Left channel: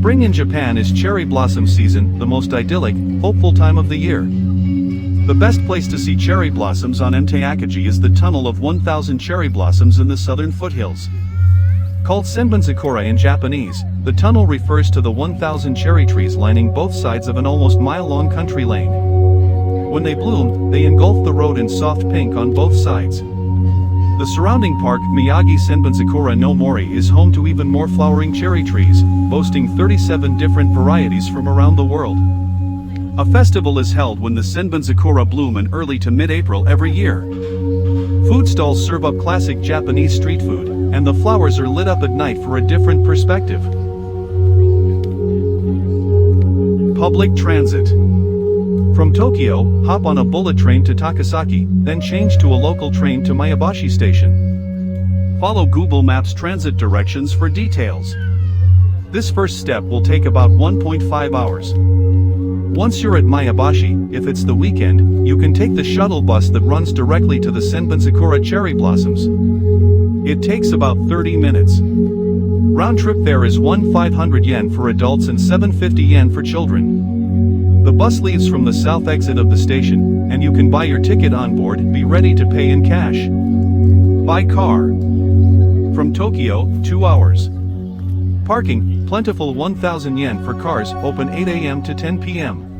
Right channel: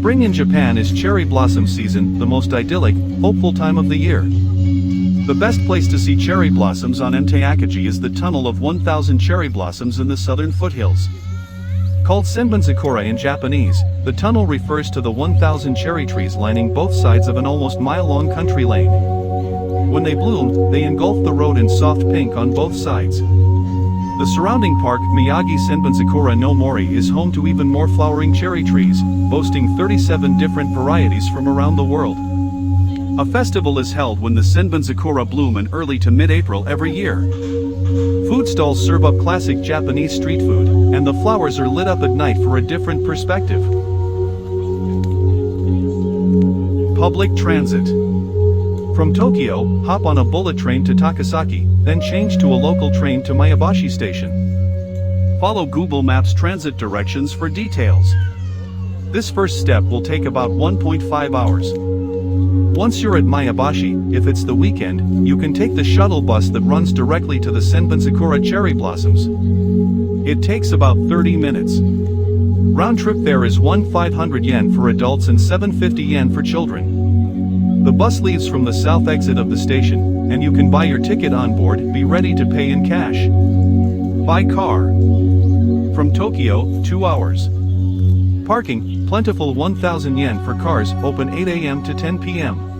Spring in Japan is cherry blossom season, the most idyllic, hopeful time of the year. The best place to see cherry blossoms on Mt. Akagi is the Tunnel of 1000 Cherry Blossoms in the southern foothills. Called Senbonzakura in Japanese, the tunnel refers to the 1000 cherry trees lining both sides of an almost mile-long country lane. When they bloom, they engulf the road in soft pink on both sides. The surrounding park, Miyagi Senbonzakura no Mori, is home to even more flowering cherry trees, boasting 37 different varieties from around the world. A festival is held when the Senbonzakura bloom in early to mid-April every year. Food stalls serve up classic Japanese street food, and the flowers are lit up at night for a different perspective. Public transit. From Tokyo, hop on a bullet train to Takasaki, then change to a local train to Maebashi Station. Follow Google Maps transit directions for details. This first step will take about 1.5 hours. Once you're at Maebashi, if it's the weekend, you can take the shuttle bus that runs directly to the Senbonzakura cherry blossoms. It takes about 30 minutes. Round trip fare is 1,500 yen for adults and 750 yen for children. The bus leaves from the south exit of the station, and you can buy your ticket on board. Be ready to pay in cash. By car. From Tokyo, 2 hours. Parking, plentiful 1,000 yen for cars, open 8 a.m. to 10 p.m.